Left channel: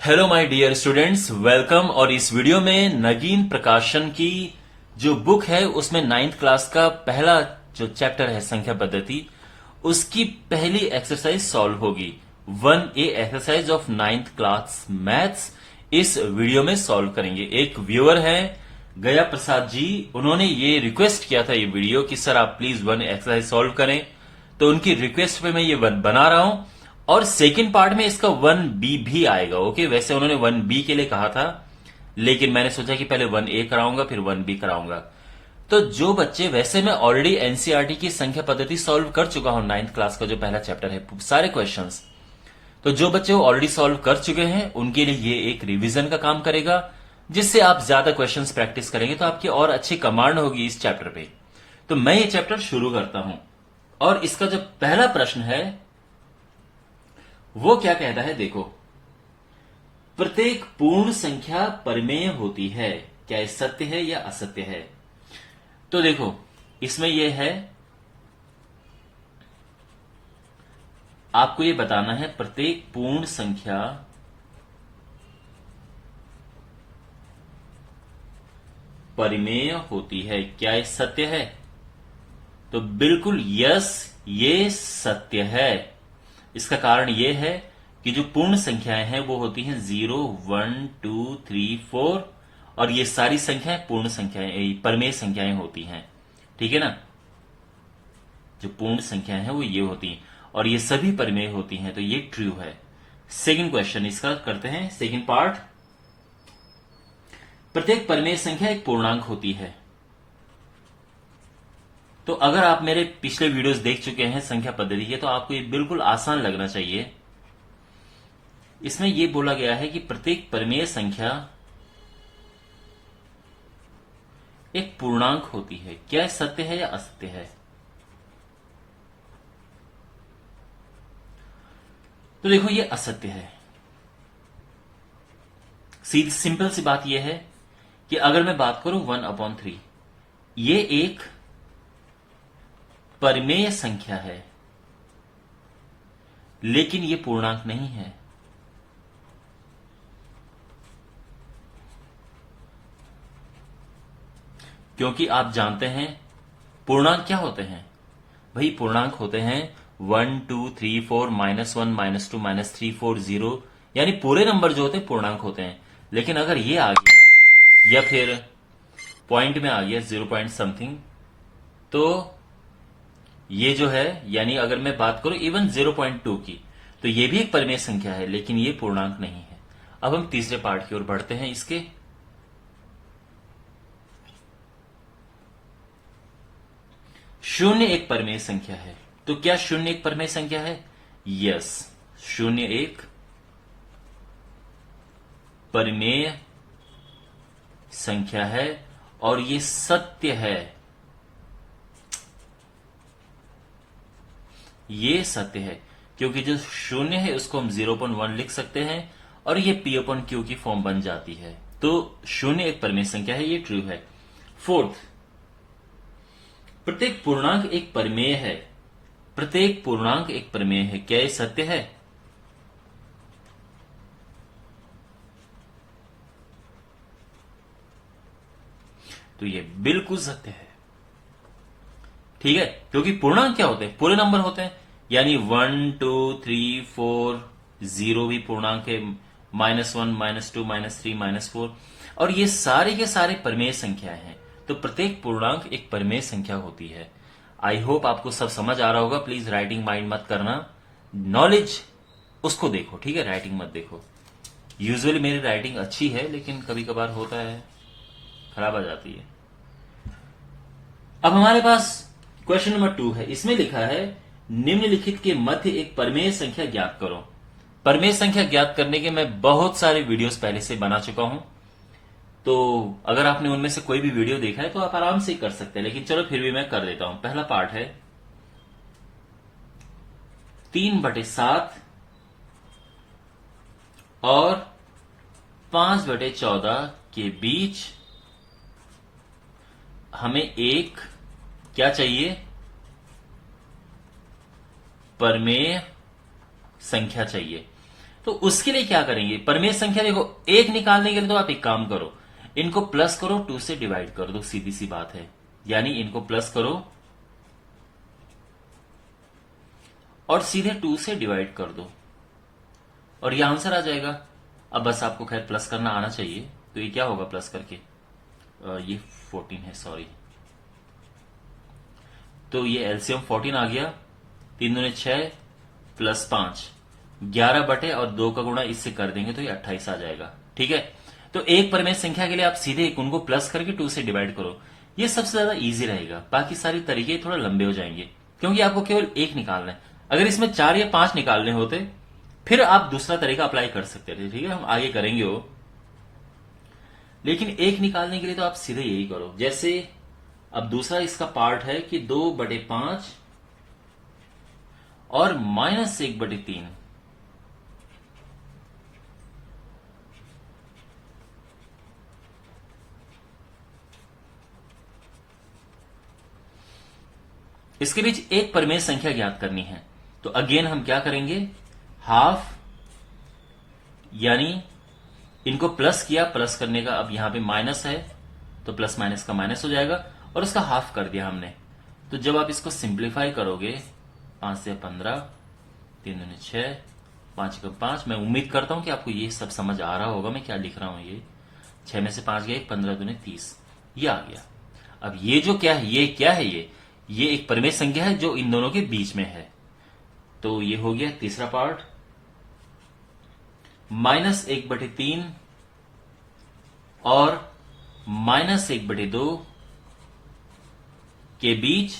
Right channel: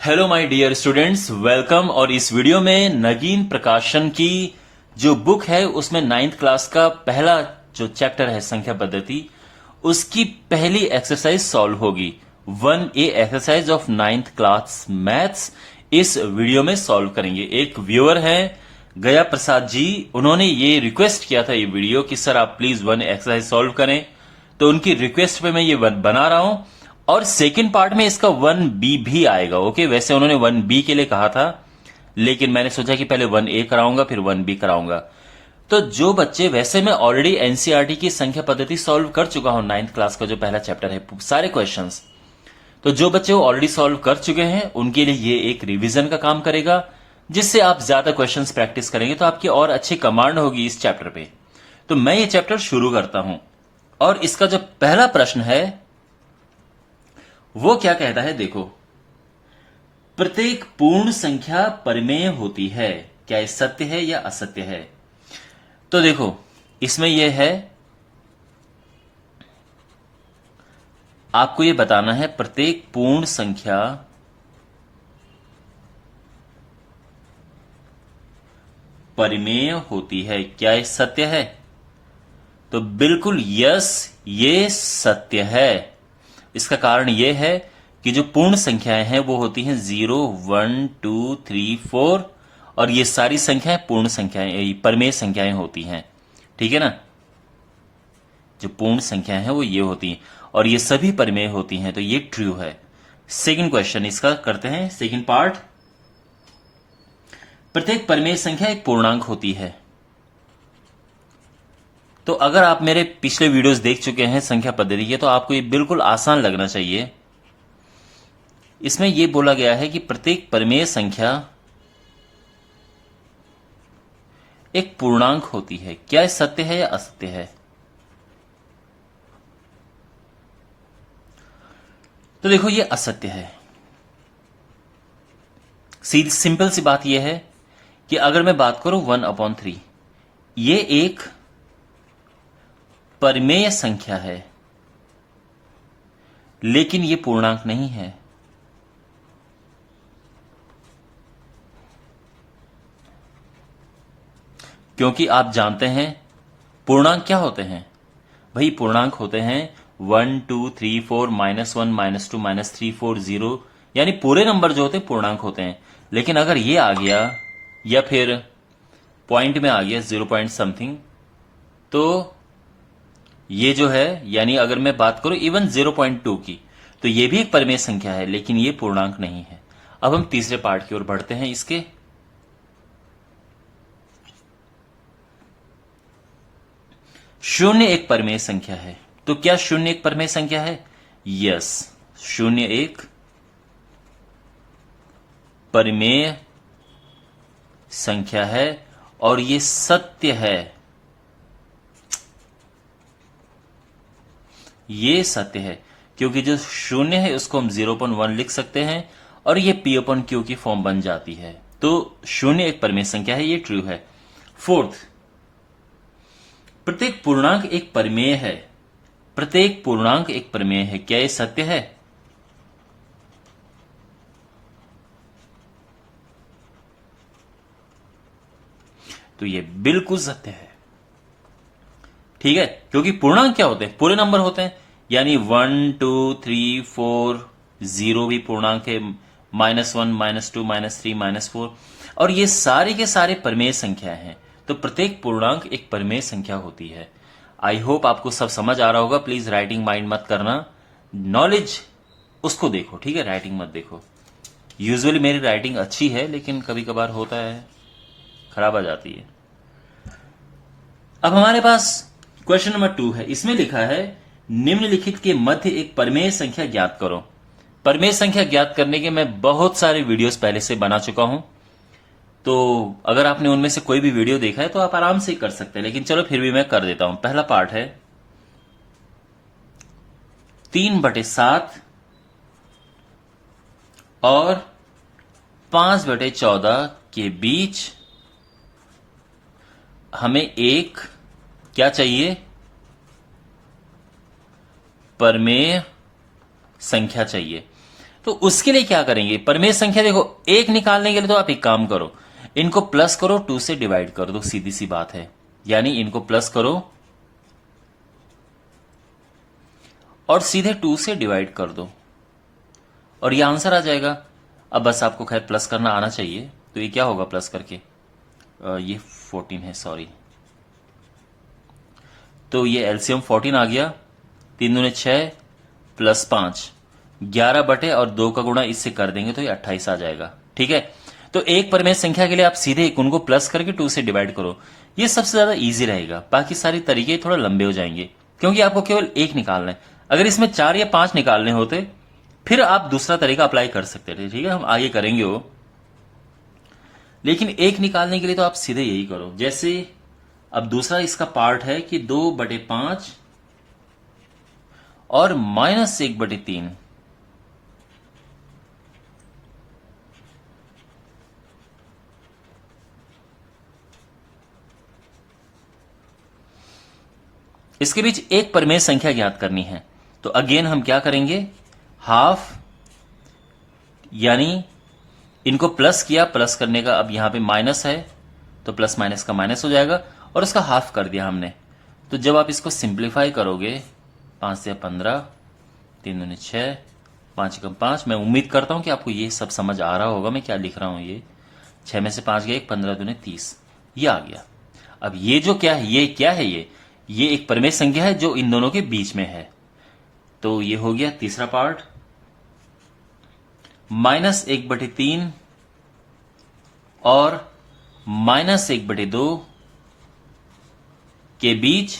Hello my dear students, welcome. और इस video में नगीन प्रकाशन की जो बुक है उसमें 9th क्लास का पहला जो चैप्टर है संख्या पद्धति, उसकी पहली एक्सरसाइज सॉल्व होगी। 1A exercise of 9th class maths इस वीडियो में सॉल्व करेंगे। एक व्यूअर है गया प्रसाद जी, उन्होंने ये रिक्वेस्ट किया था ये वीडियो कि सर आप प्लीज 1 एक्सरसाइज सॉल्व करें, तो उनकी रिक्वेस्ट पे मैं ये बना रहा हूं। और सेकंड पार्ट में इसका 1B भी आएगा। ओके, वैसे उन्होंने 1B के लिए कहा था, लेकिन मैंने सोचा कि पहले 1A कराऊंगा फिर 1B कराऊंगा। तो जो बच्चे, वैसे मैं ऑलरेडी एनसीईआरटी की संख्या पद्धति सॉल्व कर चुका हूं 9th क्लास का जो पहला चैप्टर है, सारे क्वेश्चंस। तो जो बच्चे वो ऑलरेडी सॉल्व कर चुके हैं उनके लिए ये एक रिवीजन का काम करेगा, जिससे आप ज्यादा क्वेश्चंस प्रैक्टिस करेंगे तो आपकी और अच्छी कमांड होगी इस चैप्टर पे। तो मैं ये चैप्टर शुरू करता हूं, और इसका जो पहला प्रश्न है वो क्या कहता है, देखो। प्रत्येक पूर्ण संख्या परिमेय होती है, क्या ये सत्य है या असत्य है? तो देखो, इसमें यह है, आपको यह बताना है प्रत्येक पूर्ण संख्या परिमेय होती है, क्या यह सत्य है? तो बिल्कुल यस, ये सत्य है। इसका कारण यह है कि जो पूर्ण संख्याएं हैं वो होती हैं 0, 1, 2, 3, 4, और ये सारी संख्याएं पूर्ण संख्याएं, परिमेय संख्याएं होती हैं। ठीक है ना? जो पूर्ण संख्याएं हैं वो ये होती हैं, और ये सभी परिमेय होती हैं, तो ये ट्रू है। सेकंड क्वेश्चन इसका करते हैं, सेकंड पार्ट। प्रत्येक परिमेय संख्या एक पूर्णांक होती है। तो अगर आप मेरे पिछले वीडियोस देख चुके हैं संख्या पद्धति के, तो आपको ये बिल्कुल आसान लगना चाहिए। इसमें यह बोला गया है कि प्रत्येक परिमेय संख्या एक पूर्णांक होती है, क्या यह सत्य है या असत्य है? तो देखो, यह असत्य है। सिंपल सी बात यह है कि अगर मैं बात करूं 1/3, यह एक परिमेय संख्या है, लेकिन यह पूर्णांक नहीं है। क्योंकि आप जानते हैं पूर्णांक क्या होते हैं भाई। पूर्णांक होते हैं 1, 2, 3, 4, -1, -2, -3, 4, 0, यानी पूरे नंबर जो होते हैं पूर्णांक होते हैं। लेकिन अगर ये आ गया या फिर पॉइंट में आ गया 0 पॉइंट समथिंग, तो ये जो है, यानी अगर मैं बात करूं इवन 0.2 की, तो ये भी एक परिमेय संख्या है, लेकिन ये पूर्णांक नहीं है। अब हम तीसरे पार्ट की ओर बढ़ते हैं इसके। शून्य एक परिमेय संख्या है, तो क्या शून्य एक परिमेय संख्या है? यस, शून्य एक परिमेय संख्या है, और ये सत्य है। ये सत्य है क्योंकि जो शून्य है उसको हम 0.1 लिख सकते हैं, और ये P/Q की फॉर्म बन जाती है। तो शून्य एक परिमेय संख्या है, ये ट्रू है। फोर्थ, प्रत्येक पूर्णांक एक परिमेय है। प्रत्येक पूर्णांक एक परिमेय है, क्या ये सत्य है? तो ये बिल्कुल सत्य है। ठीक है, क्योंकि पूर्णांक क्या होते हैं? पूरे नंबर होते हैं, यानी 1, 2, 3, 4, 0 भी पूर्णांक है, -1, -2, -3, -4, और ये सारे के सारे परिमेय संख्या हैं। तो प्रत्येक पूर्णांक एक परिमेय संख्या होती है। आई होप आपको सब समझ आ रहा होगा। प्लीज राइटिंग माइंड मत करना, नॉलेज उसको देखो, ठीक है, राइटिंग मत देखो। यूजुअली मेरी राइटिंग अच्छी है, लेकिन कभी कभार होता है, खराब आ जाती है। अब हमारे पास क्वेश्चन नंबर 2 है। इसमें लिखा है निम्नलिखित के मध्य एक परिमेय संख्या ज्ञात करो। परिमेय संख्या ज्ञात करने के मैं बहुत सारे वीडियोस पहले से बना चुका हूं, तो अगर आपने उनमें से कोई भी वीडियो देखा है तो आप आराम से कर सकते हैं, लेकिन चलो फिर भी मैं कर देता हूं। पहला पार्ट है 3/7 और 5/14 के बीच हमें एक क्या चाहिए? परिमेय संख्या चाहिए। तो उसके लिए क्या करेंगे, परमेय संख्या देखो एक निकालने के लिए तो आप एक काम करो, इनको प्लस करो, 2 से डिवाइड कर दो, सीधी सी बात है। यानी इनको प्लस करो और सीधे 2 से डिवाइड कर दो और ये आंसर आ जाएगा। अब बस आपको खैर प्लस करना आना चाहिए। तो ये क्या होगा प्लस करके, ये 14 है, सॉरी। तो ये एलसीएम 14 आ गया, 3 दूने 6 प्लस 5, 11 बटे और 2 का गुणा इससे कर देंगे तो ये 28 आ जाएगा। ठीक है, तो एक परमेय संख्या के लिए आप सीधे उनको प्लस करके 2 से डिवाइड करो, ये सबसे ज्यादा इजी रहेगा। बाकी सारी तरीके थोड़ा लंबे हो जाएंगे क्योंकि आपको केवल एक निकालना है। अगर इसमें 4 या 5 निकालने होते फिर आप दूसरा तरीका अप्लाई कर सकते थे, ठीक है, हम आगे करेंगे वो। लेकिन एक निकालने के लिए तो आप सीधे यही करो। जैसे अब दूसरा इसका पार्ट है कि 2/5 और -1/3। इसके बीच एक परमेय संख्या ज्ञात करनी है। तो अगेन हम क्या करेंगे, हाफ, यानी इनको प्लस किया, प्लस करने का अब यहां पे माइनस है तो प्लस माइनस का माइनस हो जाएगा और उसका हाफ कर दिया हमने। तो जब आप इसको सिंप्लीफाई करोगे, 5 से 15, 3 दूनी 6, 5 एकम 5, मैं उम्मीद करता हूं कि आपको ये सब समझ आ रहा होगा मैं क्या लिख रहा हूं। ये 6 में से 5 गया, 15 दूने 30, ये आ गया। अब ये जो क्या है, ये क्या है, ये एक परमेय संख्या है जो इन दोनों के बीच में है। तो ये हो गया तीसरा पार्ट, -1/3 और -1/2 के बीच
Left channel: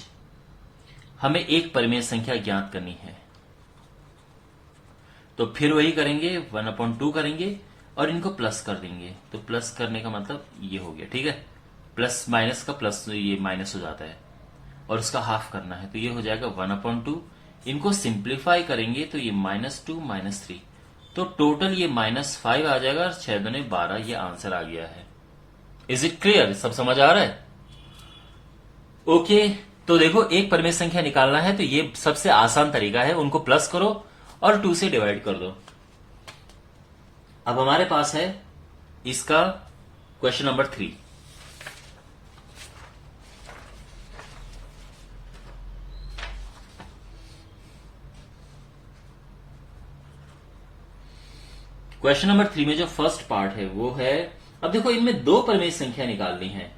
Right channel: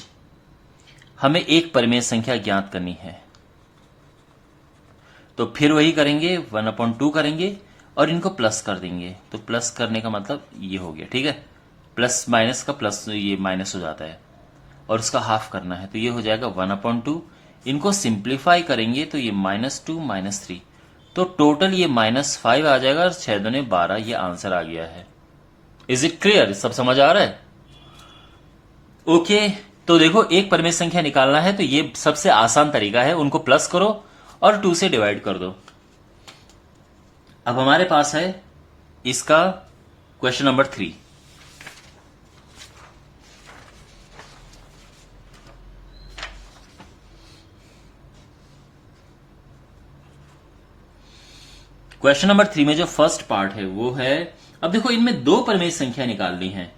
हमें एक परमेय संख्या ज्ञात करनी है। तो फिर वही करेंगे, 1/2 करेंगे और इनको प्लस कर देंगे। तो प्लस करने का मतलब ये हो गया, ठीक है, प्लस माइनस का प्लस, ये माइनस हो जाता है और उसका हाफ करना है। तो ये हो जाएगा 1/2। इनको सिंप्लीफाई करेंगे तो ये -2 -3, तो टोटल ये -5 आ जाएगा और 6 दूने 12, ये आंसर आ गया है। इज इट क्लियर, सब समझ आ रहा है? ओके, तो देखो एक परमेय संख्या निकालना है तो ये सबसे आसान तरीका है, उनको प्लस करो और 2 से डिवाइड कर दो। अब हमारे पास है इसका क्वेश्चन नंबर 3। क्वेश्चन नंबर 3 में जो फर्स्ट पार्ट है वो है, अब देखो इनमें 2 परमेय संख्या निकालनी है।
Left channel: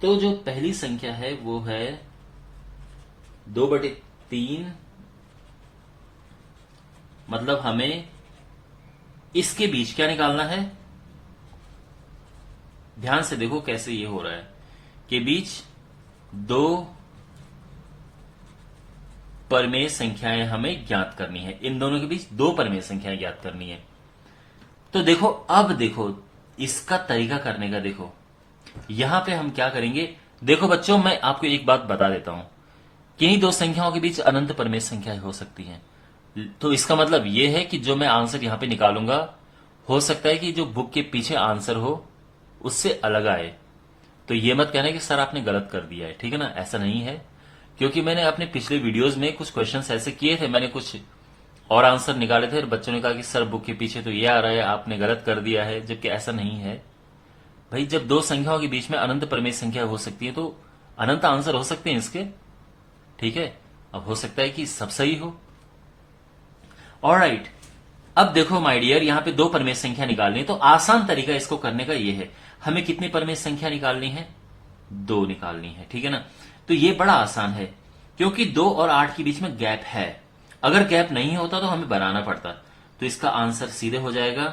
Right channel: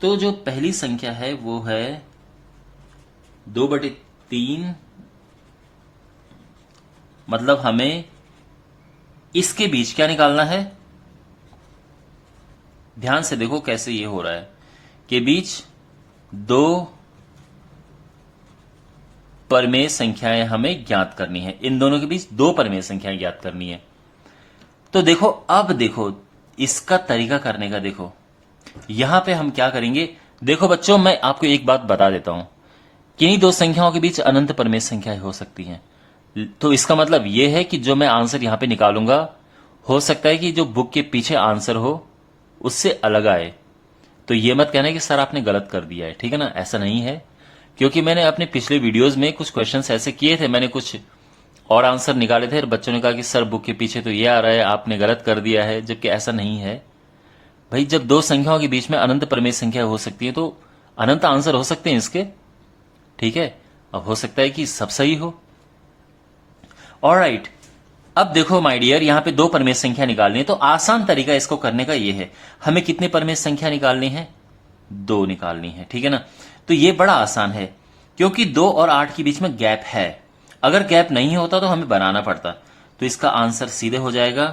तो जो पहली संख्या है वो है 2/3, मतलब हमें इसके बीच क्या निकालना है, ध्यान से देखो कैसे ये हो रहा है, के बीच 2 परमेय संख्याएं हमें ज्ञात करनी है। इन दोनों के बीच 2 परमेय संख्याएं ज्ञात करनी है। तो देखो अब देखो इसका तरीका करने का, देखो यहां पे हम क्या करेंगे। देखो बच्चों, मैं आपको एक बात बता देता हूं, किन्हीं 2 संख्याओं के बीच अनंत परमेय संख्याएं हो सकती हैं। तो इसका मतलब यह है कि जो मैं आंसर यहां पे निकालूंगा, हो सकता है कि जो बुक के पीछे आंसर हो उससे अलग आए। तो ये मत कहना कि सर आपने गलत कर दिया है, ठीक है ना, ऐसा नहीं है। क्योंकि मैंने अपने पिछले वीडियोस में कुछ क्वेश्चंस ऐसे किए थे, मैंने कुछ और आंसर निकाले थे और बच्चों ने कहा कि सर बुक के पीछे तो ये आ रहा है, आपने गलत कर दिया है, जबकि ऐसा नहीं है भाई। जब 2 संख्याओं के बीच में अनंत परमेय संख्या हो सकती है तो अनंत आंसर हो सकते हैं इसके, ठीक है। अब हो सकता है कि सब सही हो। ऑलराइट, अब देखो माय डियर, यहां पे 2 परमेय संख्या निकालनी है। तो आसान तरीका इसको करने का ये है, हमें कितने परमेय संख्या निकालनी है, 2 निकालनी है, ठीक है ना। तो ये बड़ा आसान है क्योंकि 2 और 8 के बीच में गैप है। अगर गैप नहीं होता तो हमें बनाना पड़ता। तो इसका आंसर सीधे हो जाएगा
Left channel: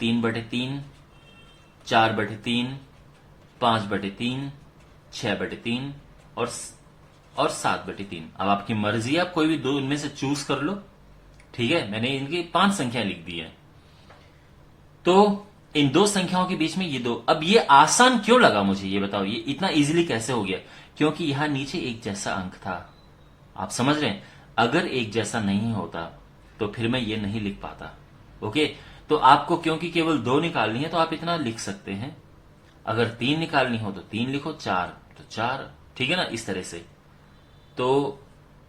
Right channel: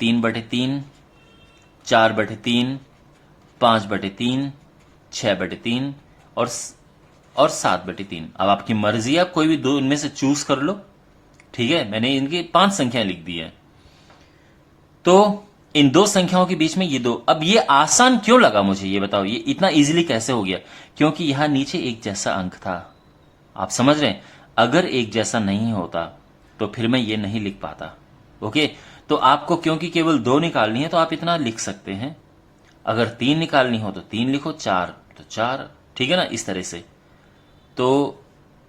3/3, 4/3, 5/3, 6/3 और 7/3। अब आपकी मर्जी है, आप कोई भी 2 इनमें से चूज कर लो, ठीक है। मैंने इनकी 5 संख्या लिख दी है। तो इन 2 संख्याओं के बीच में ये 2, अब ये आसान क्यों लगा मुझे, ये बताओ, ये इतना इजीली कैसे हो गया? क्योंकि यहां नीचे एक जैसा अंक था। आप समझ रहे हैं, अगर एक जैसा नहीं होता तो फिर मैं ये नहीं लिख पाता। ओके, तो आपको क्योंकि केवल 2 निकालनी है तो आप इतना लिख सकते हैं। अगर 3 निकालनी हो तो 3 लिखो, 4 तो 4, ठीक है ना, इस तरह से। तो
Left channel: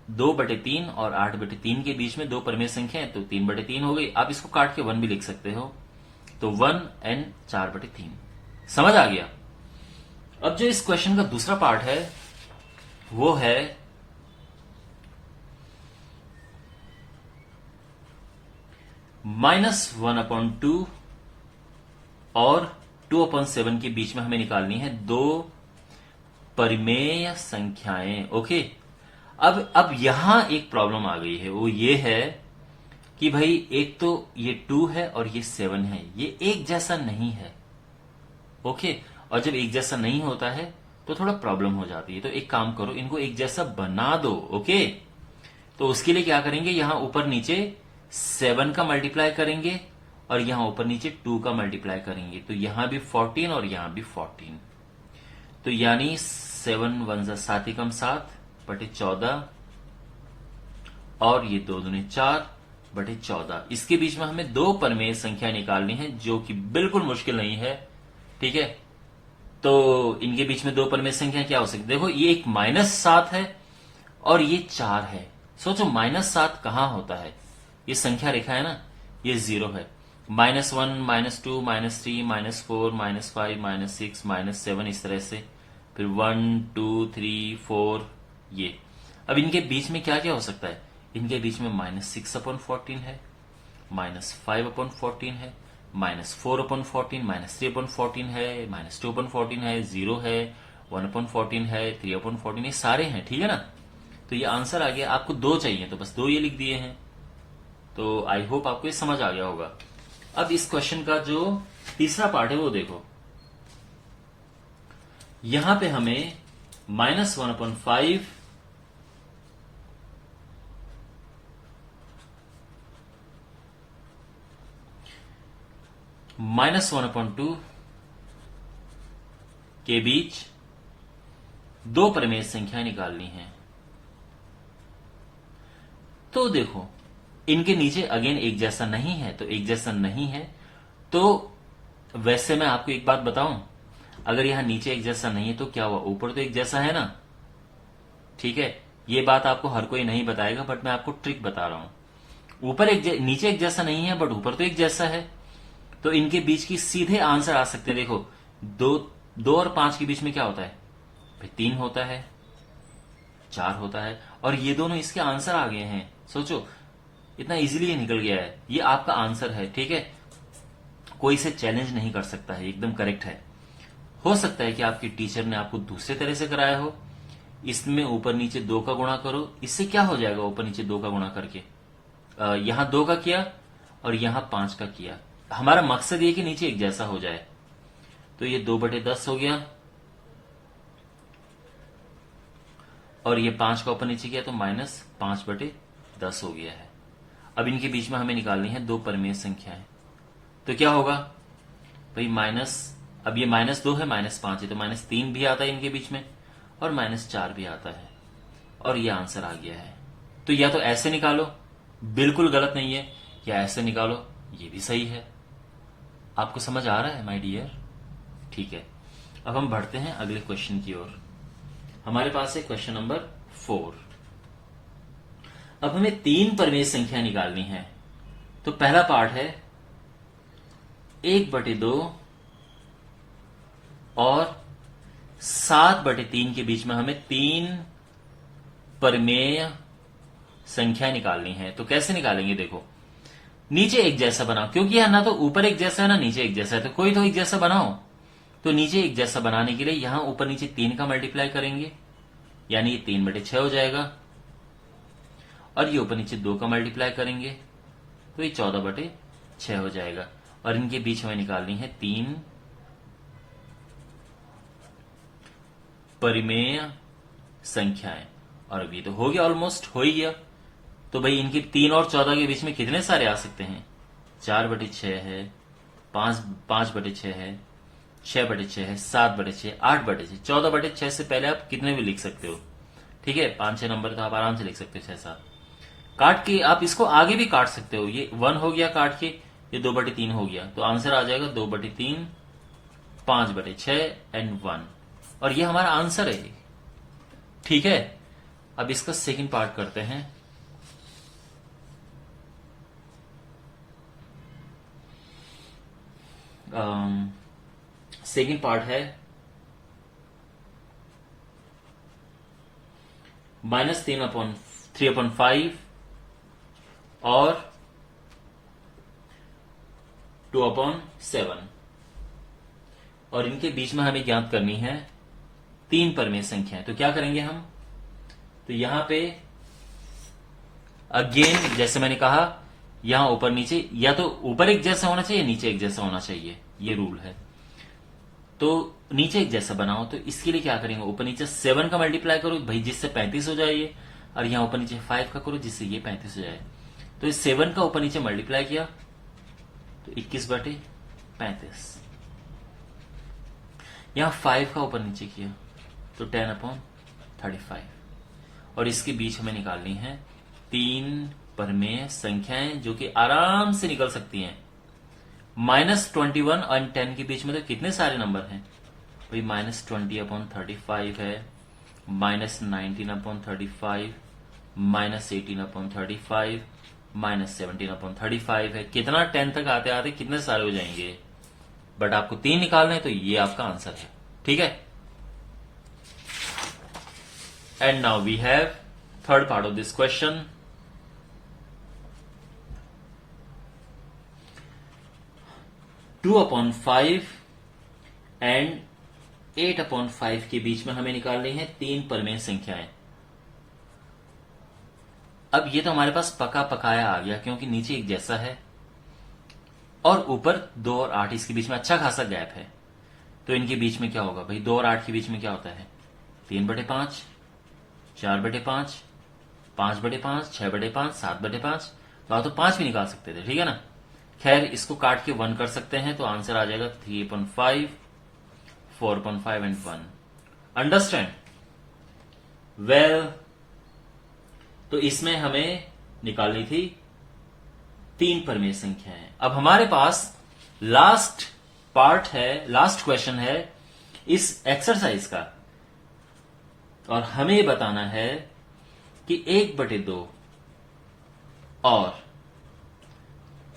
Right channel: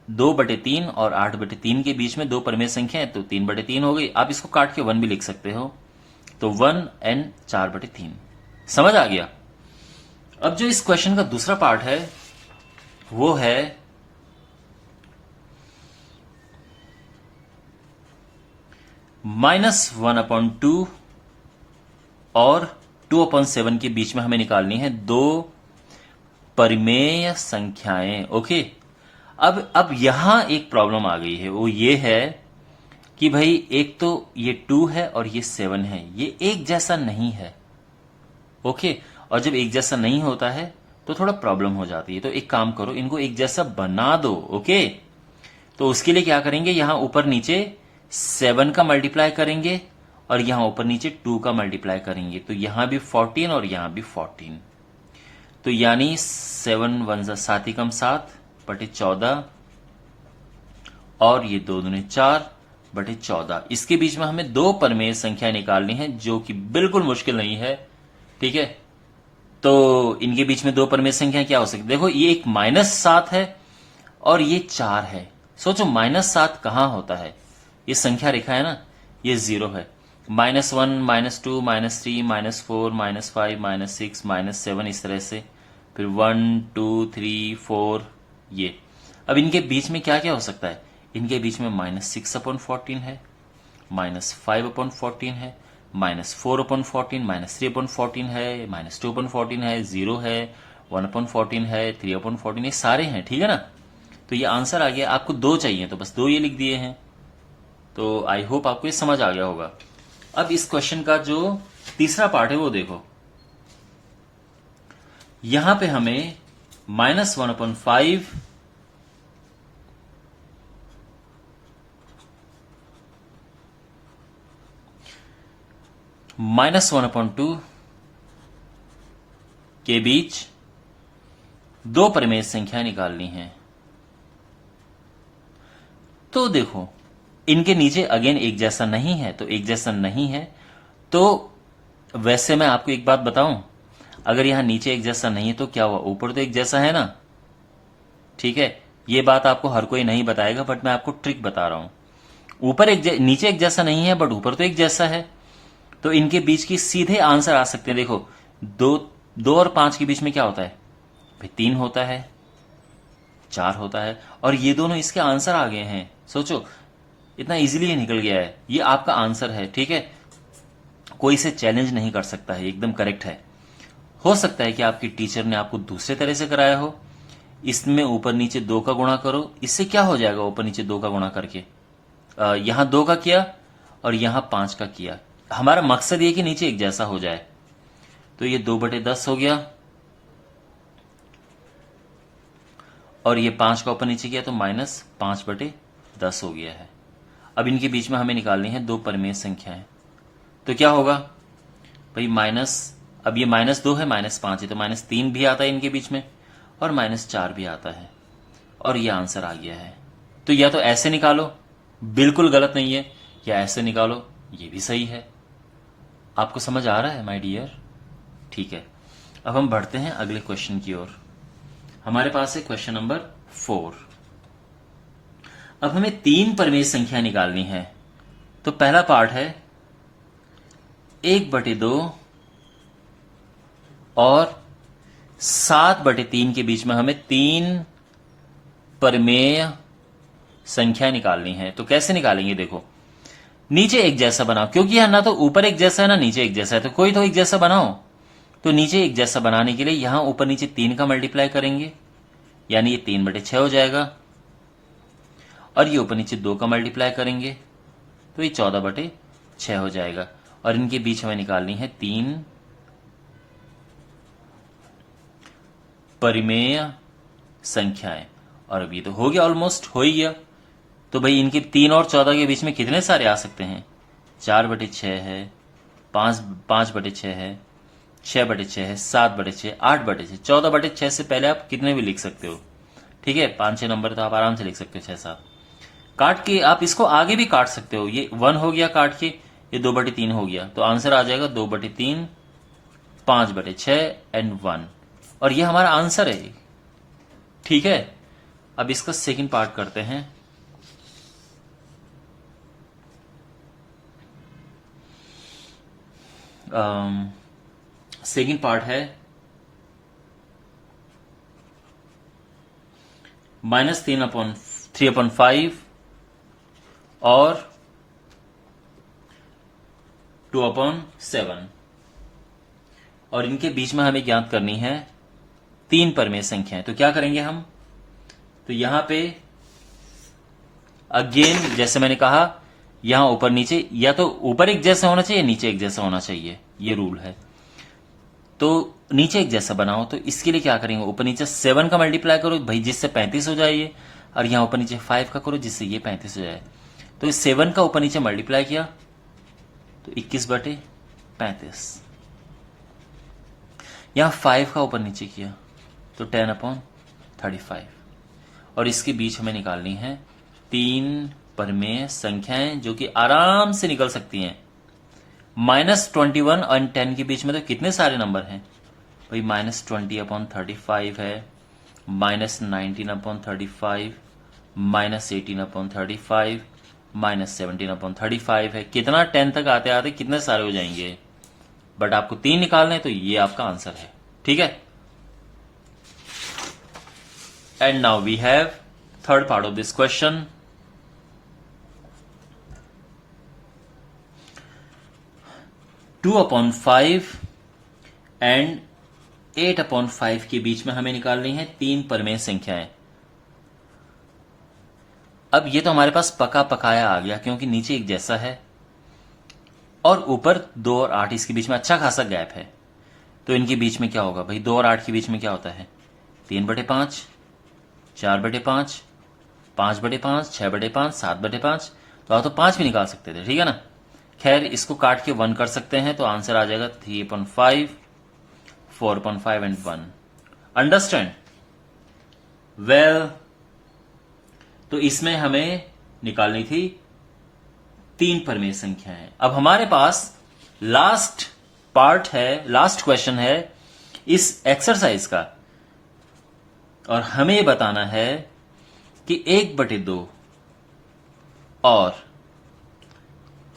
2/3 और 8/3 के बीच में दो परिमेय संख्या है, तो 3/3 हो गई। आप इसको काट के 1 भी लिख सकते हो, तो 1 एंड 4/3। समझ आ गया। अब जो इस क्वेश्चन का दूसरा पार्ट है वो है -1/2 और 2/7 के बीच में हमें निकालनी है दो परिमेय संख्याएं। ओके, अब यहां एक प्रॉब्लम आ गई है, वो ये है कि भाई एक तो ये 2 है और ये 7 है, ये एक जैसा नहीं है। ओके, और जब एक जैसा नहीं होता है तो थोड़ा प्रॉब्लम हो जाती है। तो एक काम करो, इनको एक जैसा बना दो। ओके, तो उसके लिए क्या करेंगे, यहां ऊपर नीचे 7 का मल्टीप्लाई करेंगे और यहां ऊपर नीचे 2 का मल्टीप्लाई करेंगे, तो यहां भी 14 और यहां भी 14। तो यानी 7 1 7 एकम 7/14 और ये 2 दूने 4/14। इसके बीच में हमें दो परिमेय संख्या निकालनी है, जो कि बिल्कुल मुश्किल नहीं है। ठीक है, तो इनके बीच में दो परिमेय संख्या क्या हो सकती है? देखो, ये एक -7 है और ये 4 है। सोचो -7 कहां होता है? ये संख्या रेखा है ना, ये 0 है। -1 -2 -3 -4 -5 -6 -7, इस तरह से, फिर 1 2 3 4 ये। अब इनके बीच में क्या क्या हो सकता है? इनके बीच में -6/14 है, -5/14 है, -4/14, -3/14 है, -2/14 है, 0 है, 1/14 है, 3/14, ये सारे हैं। ठीक है ना, तो ये आंसर आ गया। आपको दो चाहिए तो बस दो ये लिख दिए हैं। तो आई होप आपको ये समझ आ गया होगा। अब इस क्वेश्चन का जो तीसरा पार्ट है वो देखो, यहां पे हमें -1/5 -1/2 के बीच दो परिमेय संख्या निकालनी है। तो देखो, इनके नीचे अगेन एक जैसा नहीं है, तो एक जैसा नहीं है तो वैसे मैं आपको एक बात बताऊं, अगर यहां नीचे एक जैसा नहीं है तो क्या हुआ, ऊपर तो एक जैसा है ना। ठीक है, ये बात आपको हर कोई नहीं बताएगा, बट मैं आपको ट्रिक बता रहा हूं। नीचे एक जैसा नहीं है बट ऊपर तो एक जैसा है, तो इनके बीच की सीधे आंसर आ सकते हैं। देखो, 2 और 5 के बीच में क्या होता है भाई? 3 होता है, 4 होता है, और ये दोनों इसके आंसर आ गए हैं। सोचो, इतना इजीली ये निकल गया है, ये आपका आंसर है। ठीक है, कोई इसे चैलेंज नहीं कर सकता है, एकदम करेक्ट है। हो सकता है कि आपकी टीचर ने आपको दूसरे तरह से कराया हो, इसमें ऊपर नीचे 2 का गुणा करो, इससे क्या हो जाएगा ऊपर नीचे 2 का गुणा करके? यहां 2 का किया और यहां 5 का किया। हमारा मकसद ये कि नीचे एक जैसा हो जाए, तो ये 2/10 हो गया और ये 5 का ऊपर नीचे किया तो -5/10 हो गया है। अब इनके बीच में हमें निकालनी है दो परिमेय संख्याएं, तो क्या होगा भाई? अब ये -2 है, -5 है, तो -3 भी आता है इनके बीच में और -4 भी आता है, और ये आंसर आ गया है। तो या तो ऐसे निकालो, बिल्कुल गलत नहीं है, या ऐसे निकालो, ये भी सही है। आपको समझ आ रहा है माय डियर? ठीक है, अब हम बढ़ते हैं अगले क्वेश्चन की ओर। हमारे पास है क्वेश्चन नंबर 4। अब हमें 3 परिमेय संख्या निकालनी है। तो पहला पार्ट है 1/2 और 7/3 के बीच में हमें 3 परिमेय संख्या निकालनी है। तो कैसे निकालेंगे? देखो, नीचे एक जैसा बनाओ, क्योंकि यहां ना तो ऊपर एक जैसा है ना नीचे एक जैसा है, तो कोई तो एक जैसा बनाओ। तो नीचे एक जैसा बनाने के लिए यहां ऊपर नीचे 3 का मल्टीप्लाई करेंगे, यानी ये 3/6 हो जाएगा, और ये ऊपर नीचे 2 का मल्टीप्लाई करेंगे तो ये 14/6 हो जाएगा। और इनके बीच हमें निकालनी है 3 परिमेय संख्याएं। और अब ये तो हो गया, ऑलमोस्ट हो ही गया। तो भाई इनके 3 और 14 के बीच में कितने सारे आ सकते हैं? 4/6 है, 5/6 है, 6/6 है, 7/6, 8/6, 14/6 से पहले आप कितने भी लिख सकते हो। ठीक है, 5-6 नंबर तो आप आराम से लिख सकते हो, 6-7 काट के। आप इसको आगे भी काट सकते हो, ये 1 हो गया काट के, ये 2/3 हो गया, तो आंसर आ जाएगा 2/3, 5/6 एंड 1, और ये हमारा आंसर है। ठीक है, अब इसका सेकंड पार्ट करते हैं। सेकंड पार्ट है -3/5 और 2/7, और इनके बीच में हमें ज्ञात करनी है 3 परमेय संख्याएं। तो क्या करेंगे हम, तो यहां पे अगेन जैसे मैंने कहा, यहां ऊपर नीचे या तो ऊपर एक जैसा होना चाहिए, नीचे एक जैसा होना चाहिए, ये रूल है। तो नीचे एक जैसा बनाओ, तो इसके लिए क्या करेंगे, ऊपर नीचे 7 का मल्टीप्लाई करो भाई, जिससे 35 हो जाए ये, और यहां ऊपर नीचे 5 का करो जिससे ये 35 हो जाए। तो इस 7 का ऊपर नीचे मल्टीप्लाई किया तो 21/35, यहां 5 का ऊपर नीचे किया तो 10/35, और इसके बीच हमें निकालनी है 3 परमेय संख्याएं जो कि आराम से निकल सकती हैं। -21 और 10 के बीच में तो कितने सारे नंबर हैं भाई, -20/35 है, -19/35, -18/35, -17/35 है। कितना 10 तक आते आते कितने सारे हो जाएंगे, बट आपको 3 निकालने, तो ये आपका आंसर है। ठीक है, and now we have third part of this question. Two upon 5 and 8/5 के बीच में हमें निकालनी है 3 परमेय संख्याएं। अब ये तो हमारे पास पका पकाया आ गया, क्योंकि नीचे एक जैसा है और ऊपर 2 और 8, इसके बीच में अच्छा खासा गैप है। तो इनके बीच में क्या होगा भाई, 2 और 8 के बीच में क्या होता है, 3/5, 4/5, 5/5, 6/5, 7/5। तो आप तो 5 भी निकाल सकते थे, ठीक है ना। खैर इसको काट के 1 कर सकते हैं, तो आंसर आ जाएगा 3/5, 4/5 एंड 1। Understand well. तो इसमें हमें निकालनी थी 3 परमेय संख्याएं। अब हमारे पास लास्ट पार्ट है, लास्ट क्वेश्चन है इस एक्सरसाइज का, और हमें बताना है कि 1/2 और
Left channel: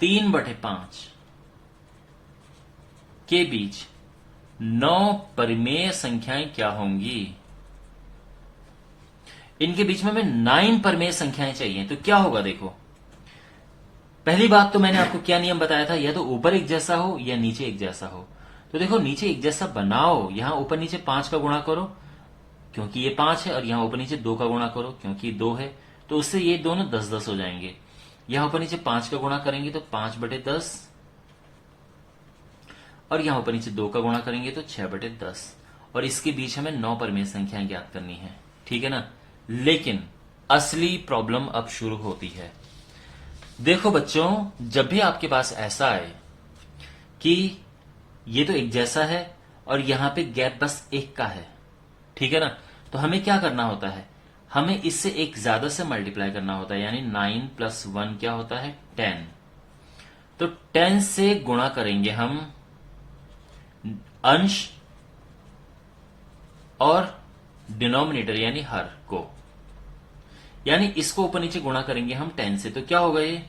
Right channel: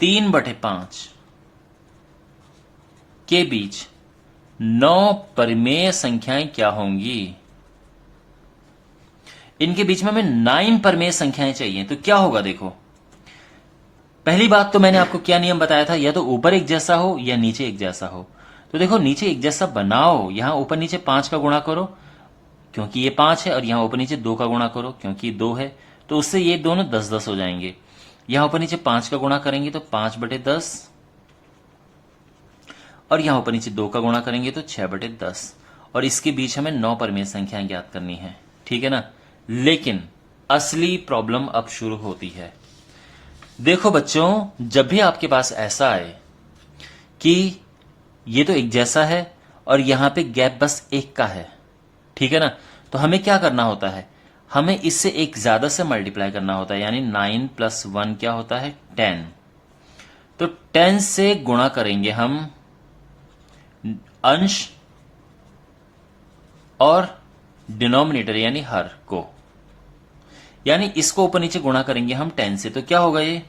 3/5 के बीच 9 परमेय संख्याएं क्या होंगी। इनके बीच में हमें 9 परमेय संख्याएं चाहिए, तो क्या होगा देखो। पहली बात तो मैंने आपको क्या नियम बताया था, या तो ऊपर एक जैसा हो या नीचे एक जैसा हो। तो देखो नीचे एक जैसा बनाओ, यहां ऊपर नीचे 5 का गुणा करो क्योंकि ये 5 है, और यहां ऊपर नीचे 2 का गुणा करो क्योंकि 2 है, तो उससे ये दोनों 10-10 हो जाएंगे। यहां ऊपर नीचे 5 का गुणा करेंगे तो 5/10, और यहां ऊपर नीचे 2 का गुणा करेंगे तो 6/10, और इसके बीच हमें 9 परमेय संख्याएं ज्ञात करनी है, ठीक है ना। लेकिन असली प्रॉब्लम अब शुरू होती है। देखो बच्चों, जब भी आपके पास ऐसा आए कि ये तो एक जैसा है और यहां पे गैप बस 1 का है, ठीक है ना, तो हमें क्या करना होता है, हमें इससे एक ज्यादा से मल्टीप्लाई करना होता है, यानी 9 + 1 क्या होता है, 10। तो 10 से गुणा करेंगे हम अंश और डिनोमिनेटर यानी हर को, यानी इसको ऊपर नीचे गुणा करेंगे हम 10 से, तो क्या होगा ये,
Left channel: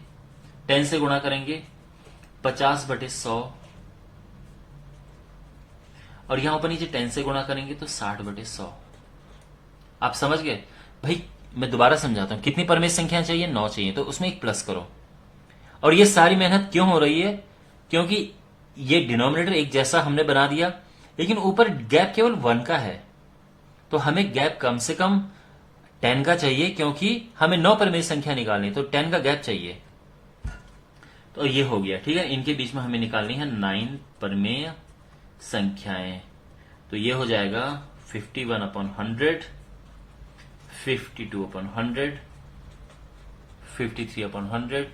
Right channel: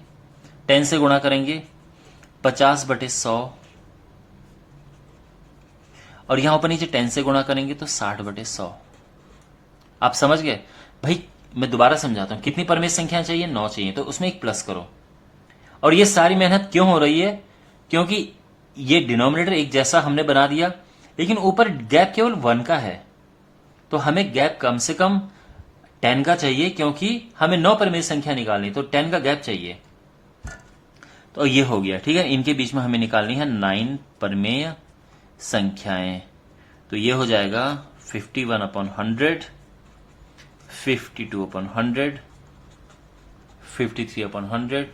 10 से गुणा करेंगे 50/100, और यहां ऊपर नीचे 10 से गुणा करेंगे तो 60/100। आप समझ गए भाई। मैं दोबारा समझाता हूं, कितनी परमेय संख्याएं चाहिए, 9 चाहिए, तो उसमें एक प्लस करो। और ये सारी मेहनत क्यों हो रही है, क्योंकि ये डिनोमिनेटर एक जैसा हमने बना दिया, लेकिन ऊपर गैप केवल 1 का है, तो हमें गैप कम से कम 10 का चाहिए, क्योंकि हमें 9 परमेय संख्या निकालनी, तो 10 का गैप चाहिए। तो ये हो गया, ठीक है। इनके बीच में हमें निकालनी है 9 परमेय संख्याएं, तो ये हो जाएगा 51/100, 52/100, 53/100,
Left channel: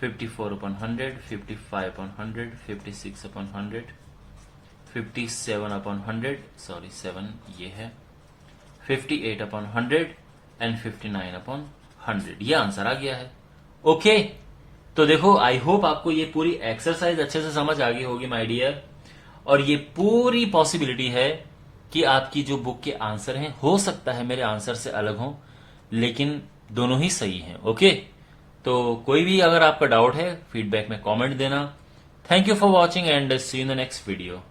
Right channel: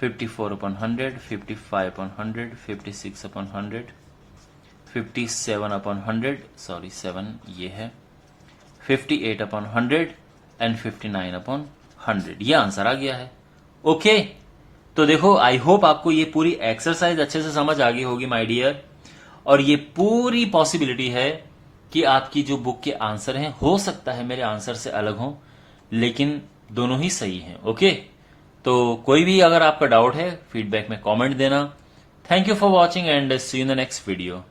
54/100, 55/100, 56/100, 57/100, सॉरी 7 ये है, 58/100 एंड 59/100। ये आंसर आ गया है। ओके, तो देखो आई होप आपको ये पूरी एक्सरसाइज अच्छे से समझ आ गई होगी माय डियर। और ये पूरी पॉसिबिलिटी है कि आपकी जो बुक के आंसर हैं हो सकता है मेरे आंसर से अलग हों, लेकिन दोनों ही सही हैं। ओके, तो कोई भी अगर आपका डाउट है फीडबैक में कमेंट देना। Thank you for watching and see you in the next video.